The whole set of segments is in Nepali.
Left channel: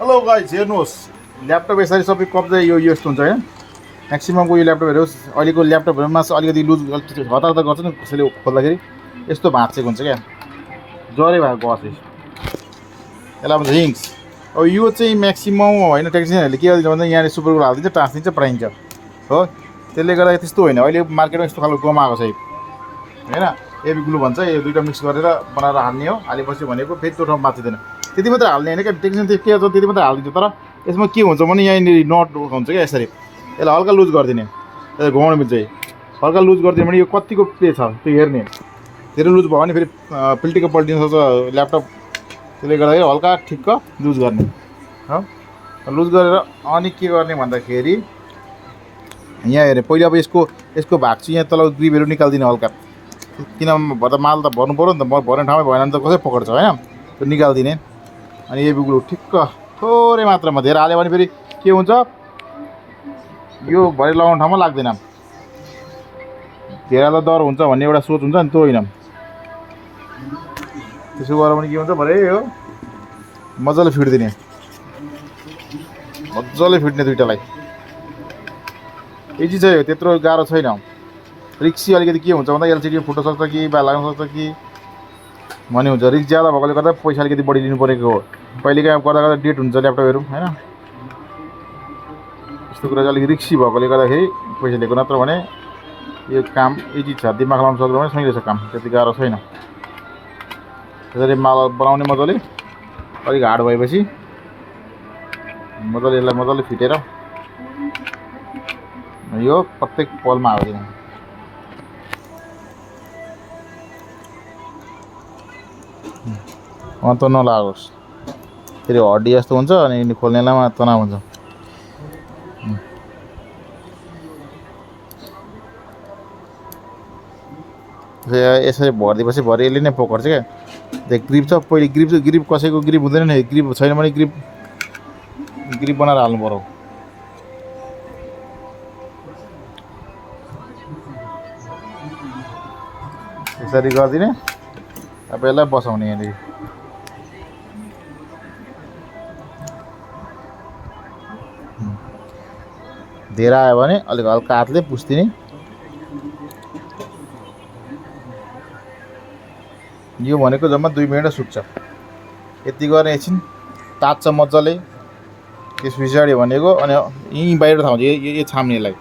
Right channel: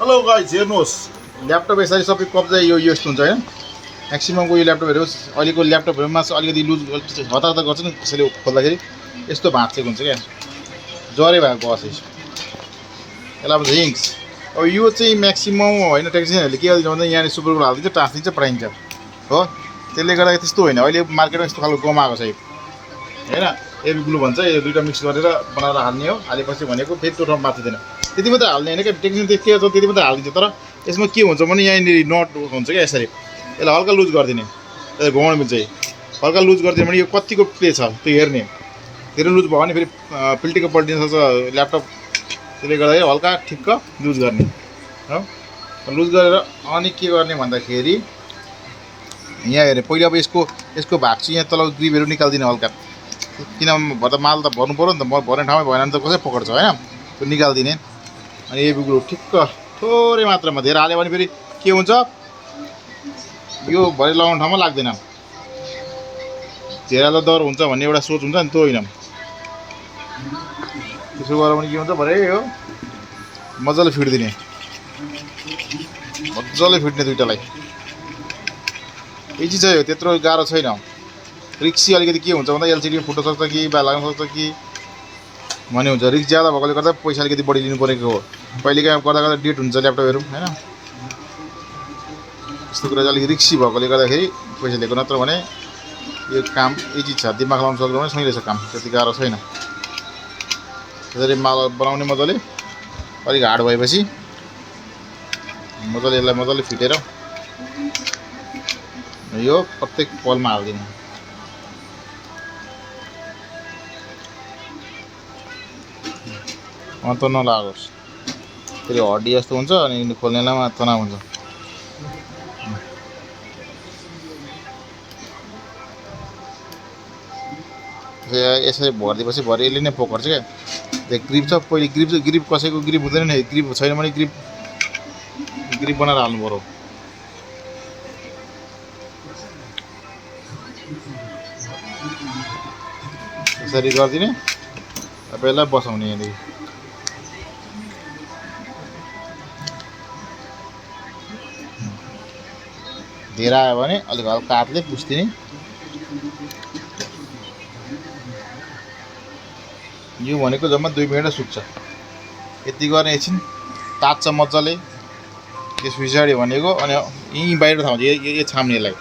हेलो गाइस, हेर्नुहोस् ल्यापटप यसरी सबै कब्जा यो यस्तो हुन्छ हैन। म्याक्सिममको यो ल्यापटपहरू अहिलेको ल्यापटपहरूमा अलिकति लुज हतार हतार गर्छ नि, त्यसैले खोल्दाखेरि यस्तो भाँचेको हुन्छ क्या, जरे भएको गस यसलाई भन्छ हिङ्स। अब यो चाहिँ म्याक्सिमम होइन, टेक्निसियनहरूले के गरिदिन्छ भन्दा यहाँनिर सुपर ग्लु हालिदिन्छ, टाँसिदिन्छ, पठाइन्छ हो। त्यसले गर्दा त्यस्तो होइन, अहिले मार्केटमा यस्तो खालको गम आएको छ होइन। एबी ग्लु भन्छ, यो दुईवटा मिक्स गरेर बनाएर हाल्ने हो। हालेपछि भनेको फेरि त्यो ठाउँ माथिँदैन, त्यति मात्रै हाल्ने होइन क्या। टेक्निसियन के गर्छ त्यति मात्रै हालिदिन्छ, तर यसमा के हुन्छ भने यहाँनिर नट हुन्छ क्या, यसरी यसलाई हल्का लुज गरिदिने, यसलाई घुमाउनु चाहिँ हल्का लुज गरिदियो भने यो कतिको प्ले छ त्यो हेर्ने। धेरै लुज भयो भने फेरि पिल्टेको पल्टिन सक्छ ल्यापटप, त्यसले गर्दाखेरि हल्का ठिक्क लुज गर्ने हो। लुज गरेर अनि के गर्ने भन्दाखेरि यहाँ हेरेँ पहिला अब यसको भाग चाहिँ यहाँ तल ग्रिपहरू निकालिदिने हल्का, किन भन्दा माल त भर्नु पऱ्यो नि त, भर्ने ठाउँमै भएन भने त कसै पक्र्छ होइन, त्यो निकालिदिने। अनि यो ग्लु ठिक्क थोरै मात्रामा, धेरै हाल्यो भने फेरि के हुन्छ, यो भरे लगाउने ठाउँमा लाग्दैन, धेरैलाई डर हुन्छ भन्ने एउटा सोच हुन्छ नि, त्यो होइन। त्यसो गरेर पनि के हुन्छ भरे हो मजाले फिट्दिने, मजाले फिट्ने दुइटालाई। इजी छ यो, त्यत्रो गाह्रो छैन। रिक्सी अलिकति के हुन्छ भन्दा एलसिडी फुट्न सक्छ कि बा लाग्न सक्छ कि भन्ने हुन्छ। रिक्स ज्यादा भएकोले गर्दा पैसा अलिकति बढी लिनु परेको हो। कहिलेकाहीँ गर्दा गर्दा डेट हुन्छ ल्यापटपहरू होइन, यस्तो कुरा चाहिँ अलिक रिक्सी भएकोले गर्दाखेरि पैसा लिएको। नत्र भने यो काम इजी छ, दिमाग लगाउनु सक्यो भने सही रहेछ काम, त्यति गाह्रो छैन। त्यसरी माल बनाउने मजाले, अलिक हार्ड भएपछि मजाले यसलाई मजाले फिटेर यो प्रत्येक पलमा हालिदिने। अन्त नलागोस्, फेरि हड्डी जस्तो हुन्छ अनि खोल्नेलाई तनाव हुन्छ। यसरी भरिदिएपछि भरे यसले नै पकड्छ क्या। त्यो ग्रिप छ, पहिले ग्रिप कसैको ग्रिप हुँदैन नि, ग्रिप छैन भने ग्रिप बनाएर हाल्नु पऱ्यो। यसरी गरिदिने, अब यसलाई बसाउने यहाँनिर। धेरै आयो भने अलिक हल्का हातले पुस्दिने। यो भनेको जम्मा 2 मिनट सुक्छ, यति गर्ने एकछिन तात्छ मजाले। त्यस पछाडि भनेको अनि यहीँ बाहिर ठाउँ यो छाम्ने, यसलाई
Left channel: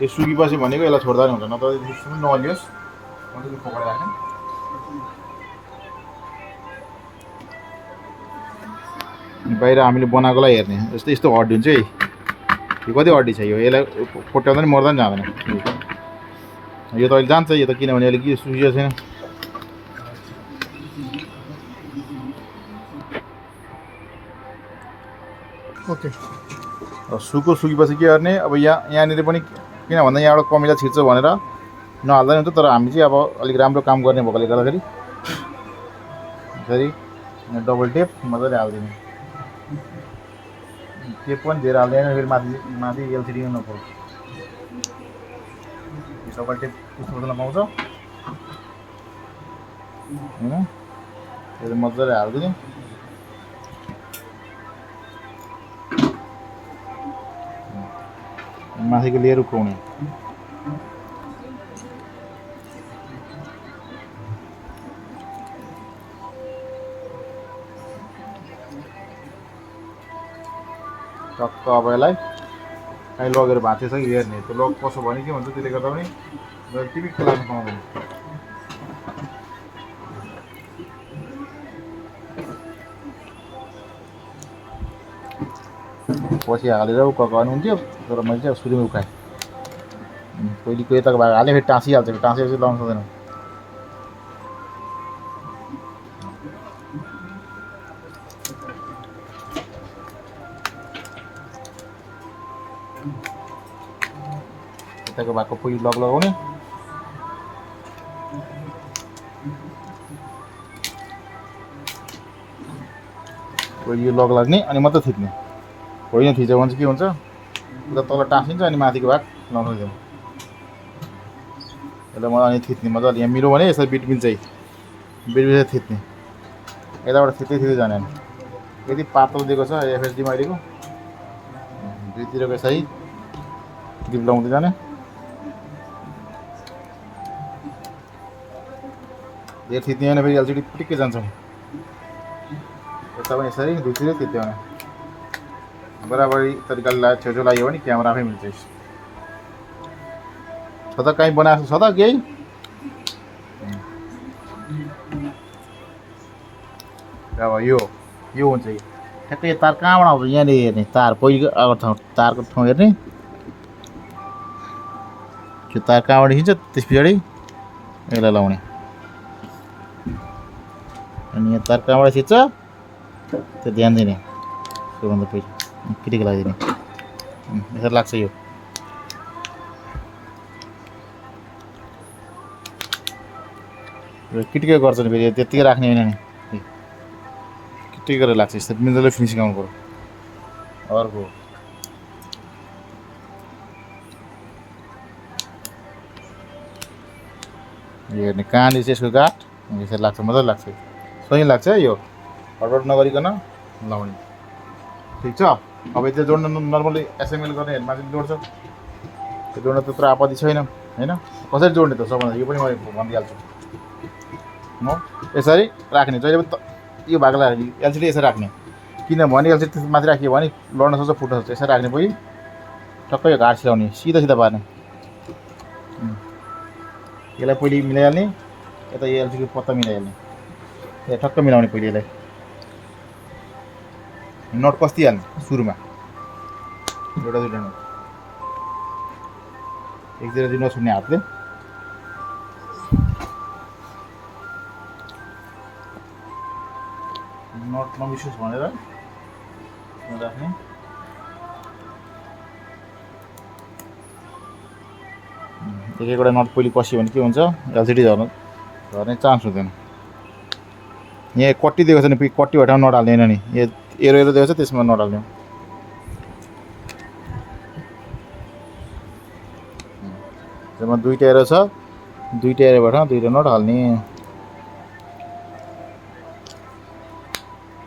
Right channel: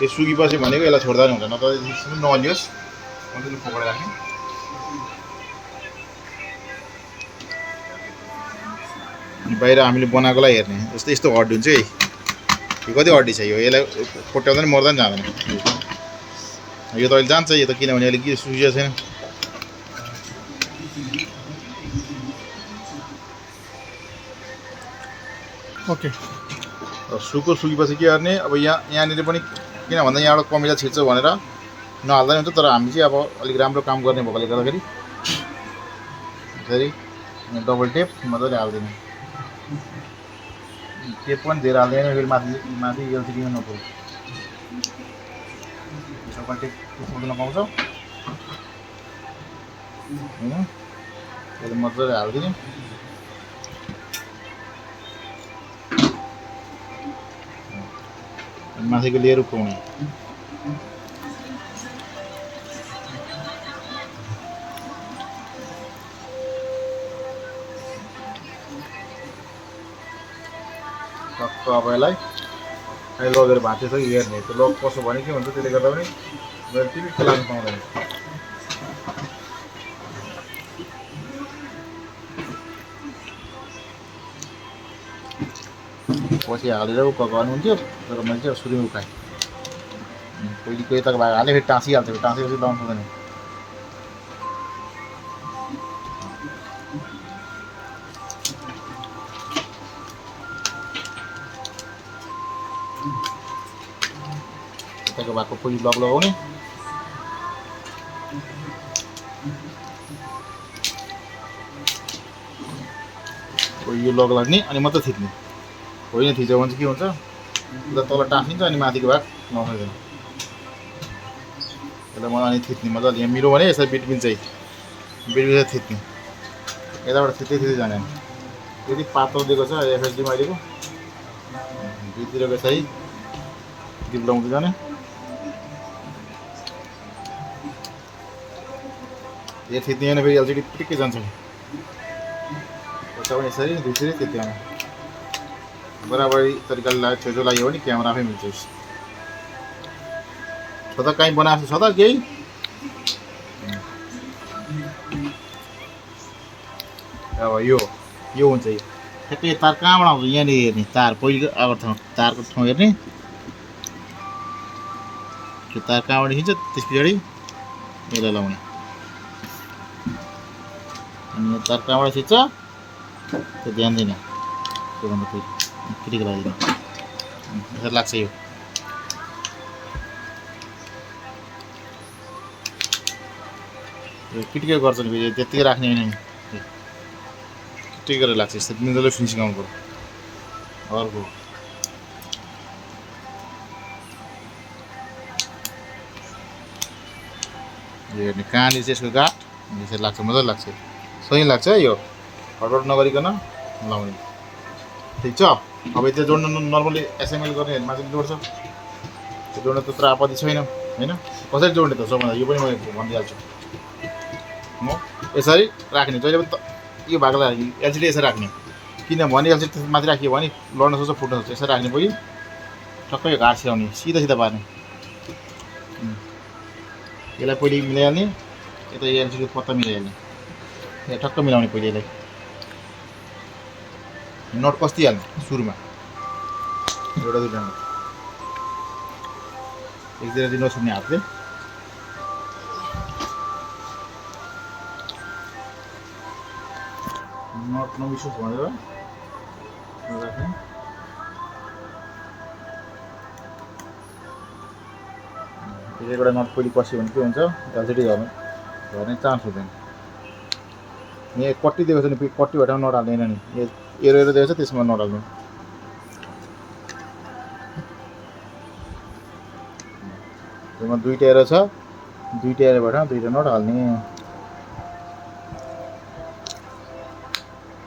यो सुकेपछि भनेको यसलाई छोड्दा नि हुन्छ, नत्र नहलियोस् मजाले पकाएर राख्ने। बाहिर हामीले बनाएकोलाई हेर्ने, जस्तै यस्तो हड्डी हुन्छ है, यो कति हड्डी छ, यो यसलाई कोट्याउँदा नि मर्दा नि जाँदैन। यो त अहिले जान्छ, यो त किनभने अहिले के सुकिएको छैन। ओके, सुकेपछि के गर्ने, अब यहाँनिर पनि किन भन्दा यहाँबाट कमिला छिर्छ भनेर नहाल्दा नि हुन्छ, तर हामी चाहिँ अब अलिक राम्रो काम गर्ने भएकोले गर्दाखेरि यसरी डबल टेप मजाले हालिदिने। टेप पनि धेरै हाल्दैन, फेरि माथि एलसिडी नपर्छ। डबल टेप बुझ्न पाउँछ होइन, फेरि मजाले हालिदिने। माथिको लेयर उक्काउने, टक्क। अब यसलाई कहीँ लगेर भाँचेछ कि हेर्ने, त्यो लग कसो भने के हुन्छ, त्यसले गर्दा पनि टिपिक्क लाग्नु पाउँदैन। पछि हालेर उक्काउनुहुन्थ्यो, तर मैले चाहिँ सुरुमै उक्काएँ। पहिलेको यताको भाग हालेँ, फेरि टाँसिहाल्छ, टाँसेपछि लगाउनु सक्दैन। यताको भागको पहिलो लग लगाउने, यो लग लाग्ने अनि मात्रै थिच्ने। होइन थिच्यो भने चाहिँ के हुन्छ, उता तल टाँसिन्छ अनि माथिको भाग नहुँदैन। यसलाई मजाले थिच्ने, मजाले यहाँ मिलो भने यसरी बिटबिन चाहिँ थिच्ने, यताबाट थिच्दै जाने। यदि पातलो दिएको छ एफएसडीमा अहिलेको दुईतिरको यसरी गिप लाउँदै जाने यो थिच्दैन फेरि एलसिडी टिक्कै जान्छ यता पनि यसरी दुईतिर थिच्दैन बराबरी तरिकाले लाग्यो छेउछेउ लाग्यो भने क्यामेरा आफै मिल्छ छ त कहीँ बनाएको छ त केही अब यो हुन्छ यो ठ्याक्कै तार कहाँबाट आउँछ यहाँनिर हेर्ने तार पहिलेको अब तारको ठाउँ हेर्ने त्यो तार कहाँबाट खिच्छ त्यस पछाडि यसलाई लाउने अनि यहाँ तार कहाँबाट खिच्छ त्यो ध्यान दिने त्योभन्दा पहिले किटिको लगाइदिने यसरी लाग्छ यो किटिकै गर्छ नि फेरि त्यत्तिकै राख्ने होइन किटिकै गरेर लाग्छ यस्तो मिल्दो फिनिसिङ आउनु पर्यो अर्को यो हेर्ने कहाँनिर चाहिँ यसको गाठ यसरी लाग्छ मजाले लाग्छ सही लाग्छ है यो हडबड नगरिकन लाउने ठिक छ अब त्यो जोड्न नर्मली एसएमएल गर्नेहरूमा चाहिँ जोड्छ त्यो जोड्न त्यत्रो आपत्ति छैन होइन कसरी जोड्ने त सबभन्दा यो पनि म भनिदिइहाल्छु म यसरी राख्ने जहिले पनि यो भागलाई एलसिडी यसरी राख्ने किनभने एलसिडी माथि राख्यो भने लड्न सक्छ फुट्न सक्छ यसरी राख्ने पछि टक्कै यो घाट सिलाउने सिधा सिधा पार्ने यसलाई पहिले मिलाइहाल्ने यता यो एलसिडी पत्ता मिलाइहाल्ने यहाँ ठक्क मिलाउने पहिले यसलाई नट कस्तिहाल्ने सुरुमा एउटा दुईवटा एकतिर चाहिँ नछुट्ने हातले नट नबिर्सोस् भनेर राख्ने एक एकवटा नट पहिले पस्यो भने के हुन्छ एलसिडी झर्ने चान्स हुँदैन यहाँ कट्टी दिएको छ नि कट्टी भए ठाउँ नट हाल्दैन नि एरो एरो दिएको छ त्यसमा नट हाल्ने त्यसमा दुईवटा एरो छ दुईवटा एरो भए ठाउँ दुईवटा नट हाल्ने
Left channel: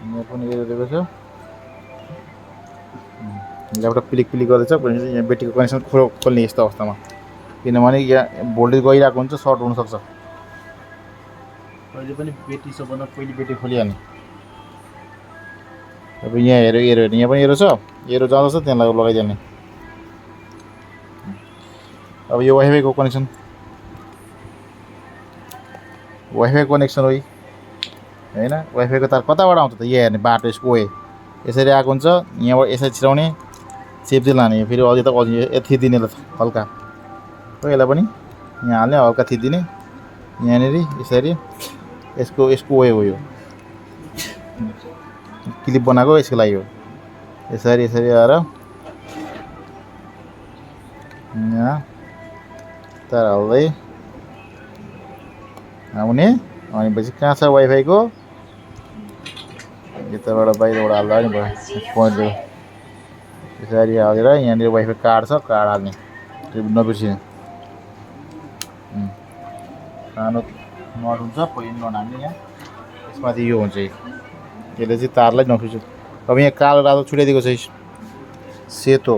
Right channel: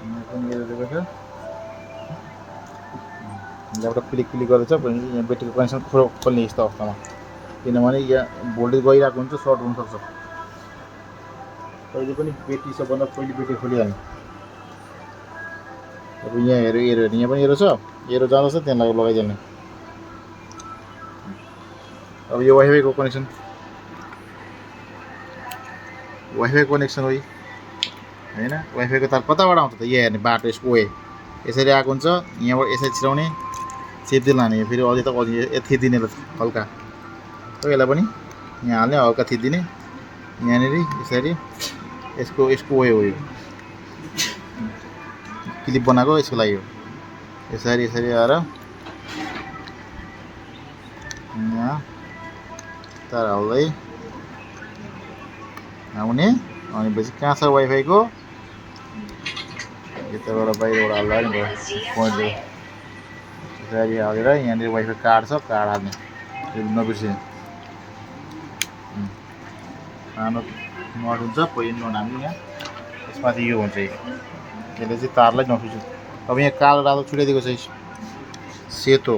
यहाँ पनि एरो दिएको छ ल्यापटप पिलिक गर्दैछ भनेपछि यहाँ ब्याट्रीको कनेक्सन खोल्ने यस्तो अवस्थामा किनभने यहाँ भोल्टेज गइरहेको हुन्छ सर्ट हुनसक्छ पहिले पनि ब्याट्री सबभन्दा पहिले ब्याट्री खोलिहाल्ने अब यहाँ हेऱ्यो एरो हेर्ने यहाँ पनि एरो छ एरो जाँदैछ त्यहाँ लगाइदिने अब यो वाइफाईको कनेक्सन हो होइन वाइफाईको तार कताबाट आउँछ त यहाँ हेर्ने बाटो यसको यसरी आएको हुन्छ यहाँबाट यसरी छिराउने चेप्दै लाने फेरि अझै त अझै थिचिदिने हल्का यसलाई पनि यहाँ हाल्ने हल्का थिचिदिने यहाँनिर यसरी यसको हो यो क्लिप बनाएको यसको लागि हो यसरी आएर यहाँ तार हाल्दै आउने अनि पछि कहाँ छ वाइफाईको यताबाट बाहिरबाट हाल्दा नि भयो पोइन्ट यसरी हालेर यहाँनिर वाइफाई कार्ड छ कार्ड हाल्ने त्यो नबिर्सिने सानो नट हुन्छ पहिलो नट हाल्ने यहाँ त्यसमाथि यो हुन्छ त्यसले चाहिँ तारलाई नफिच्छ अब यहाँ कालो रातो छुट्याइदिएको छ सेतो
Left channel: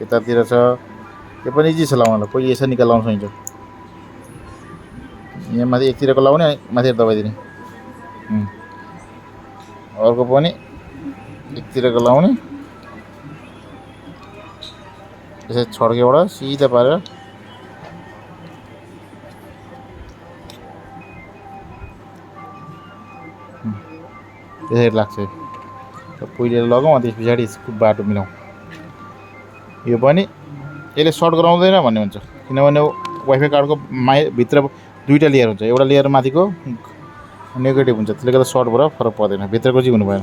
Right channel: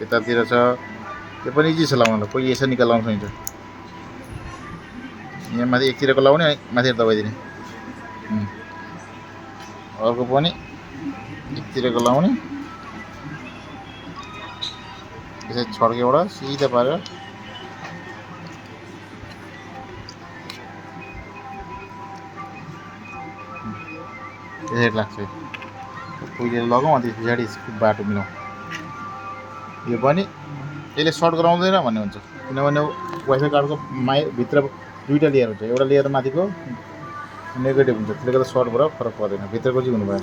यतातिर छ त्यो पनि इजी छ लाउनलाई पहिले यसरी निकाल लाउन सकिन्छ यहाँ माथि एकतिरको लाउने माथि दबाइदिने अर्को पनि एकतिरको लाउने यसरी छड्केबाट सिधा पारेर त्यसरी लाग्छ पहिले लगाउँ अनि त्यस पछाडि बाटो मिलाउँ यो पनि यसले सर्ट गराउँदैन भन्ने हुन्छ किनभने वाइफाई कार्डको भित्र दुईवटा लेयर हुन्छ एउटा लेयर माथिको नेगेटिभ हुन्छ त्यसले गर्दा सर्ट भएर फरक पर्दैन भित्रको चाहिँ हुनु भएन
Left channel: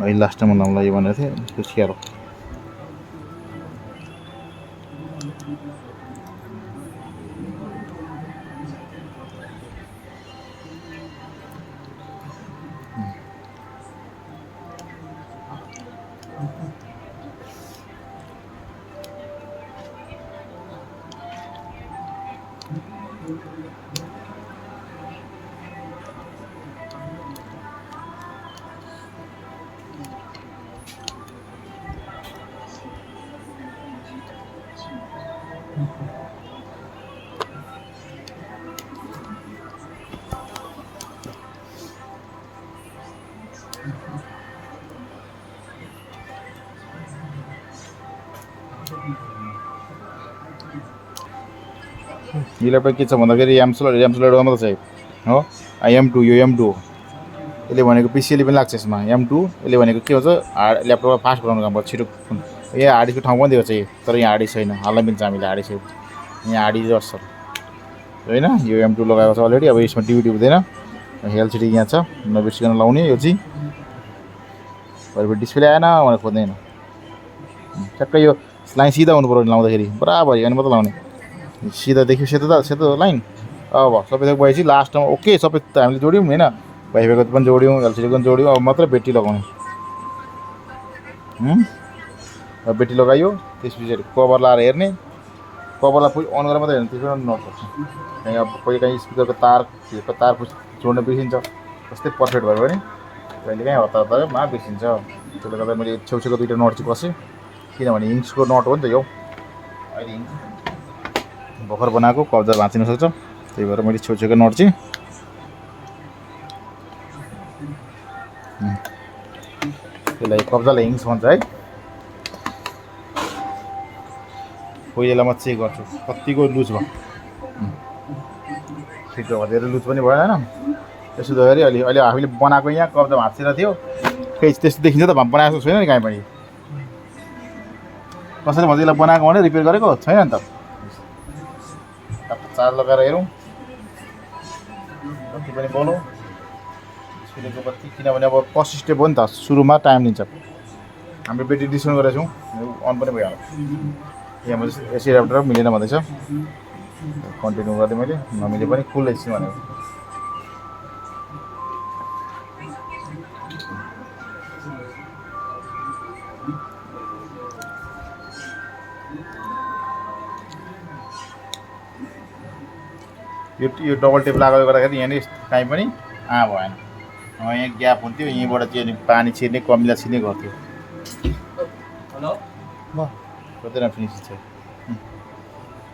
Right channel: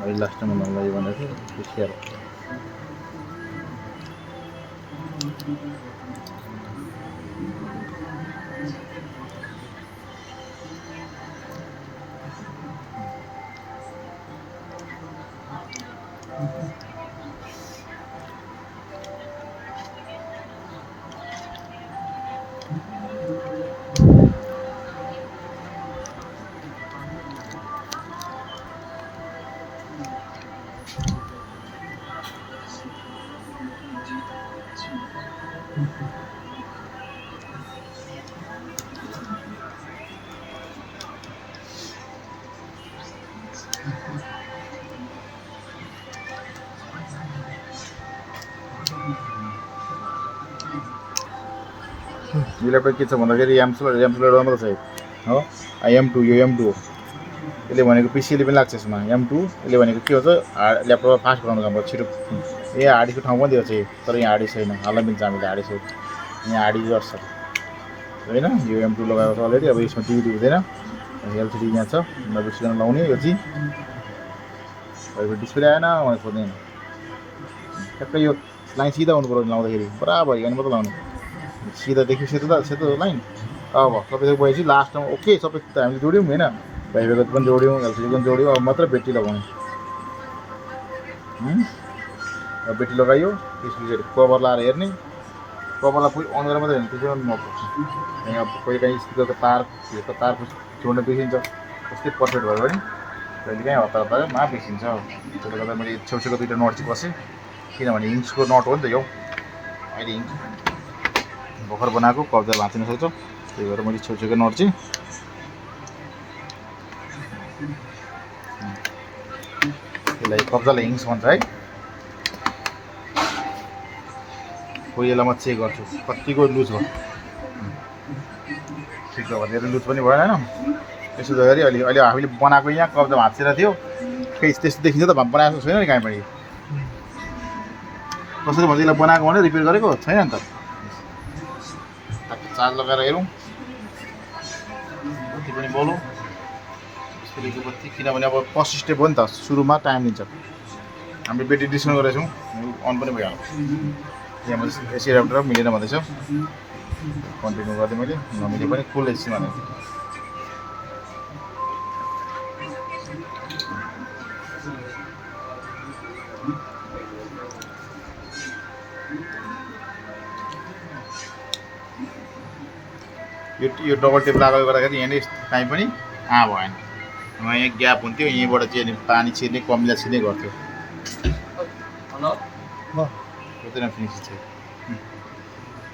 अहिले लास्ट टाइममा लाउँला यो भनेको थिएँ त्यो स्याहार यो ल्यापटप के छ भन्दाखेरि एमसोलेटमा मात्रै छ हो M2 यो M2 हो यसले भनेको पिसीले पनि लाग्छ यसमा M2 यसले भनेको के हुन्छ ल्यापटपमा फास्ट बनाउनु काम गर्छ छिटो यहाँ हार्ड डिस्कको ठाउँ पनि दिएको छ तर यहाँ हार्ड डिस्क छैन हाल्न मिल्छ हामीले हार्ड डिस्क यहाँ हार्ड डिस्क गर्छ होइन यो M2 लगाएको छ अलरेडी अब यसमा टिभी हुँदैन एलसिडी यहाँ छ नबिर्सिकन लाउने यो चाहिँ घरिबाट डिस्प्ले आएन भनेर खोज्दैन ठ्याक्कै यो लाइन सिधा हुनु पऱ्यो लाउँदाखेरि बराबर हेर्नु मात्रै लाउने सिधा देख्यो सेतो लाइन अब सबै थोक भएपछि लास्टमा ओके सबै त हामीले जोड्यौँ होइन वाइफाईको पनि जोड्यौँ एलसिडी पनि जोड्यौँ अब मात्र ब्याट्री लगाउनु अब ब्याट्री लगायो त्यस पछाडि कभर लाएर हेर्ने कभरलाई फेरि अन गरेर मात्रै हेर्ने त्यसमा नपर्छ यहाँ कहिले काहीँ स्पिकरको तार जोड्न बिर्सिन्छ त्यस्तै पर्फेक्ट भयो भने कहिले काहीँ हतारमा बिर्सिन्छ त्यसले गर्दा मैले छेउछेउको दुईवटा नट चाहिँ कसेँ किनभने हिङ्सको नट हो नि त यो अहिले हिङ्स भर्खर बनाएको कब्जा भाँचिन सक्छ त्यही भएर मैले छेउछेउको नट चाहिँ त्यसलाई कब्जालाई हिङ्स भन्छ है कोही बेला म चेक गर्छु कतिको लुज भयो ठिक छ धेरै लुज पनि भएन होइन यसो गर्दाखेरि अहिले हामीले बनाएको यहाँ कब्जा भाँचेर थियो केही त्यस्तो देखिन्छ त बनाएको छैन नि कहीँ पनि कसरी भन्छ यसलाई बनाएको भने रिपेयर गरेको छैन नि त चार्ज लगाएर हेरौँ बत्ती पनि बोलौँ डिस्प्लेको बत्ती किनभने अब फर्स्ट स्टेप हो नि त सुरुमा टाइम लिन्छ हामीले ब्याट्री डिस्काउन्ट गरेको छौँ अन पनि भइहाल्छ यहाँ एसी एडाप्टर मिलेन भन्दैछ कन्टिन्यू गरेँ मैले नमिले पनि फुल एसी भनेको यो डबल टेप लगाएर गर्दाखेरि यहाँनिर काहीँ पनि भएन यहाँ ग्याप हुन्थ्यो यहीँबाट चाहिँ पानी छिर्ने कमिला छिर्ने गर्थ्यो कतिजना फिनिस छ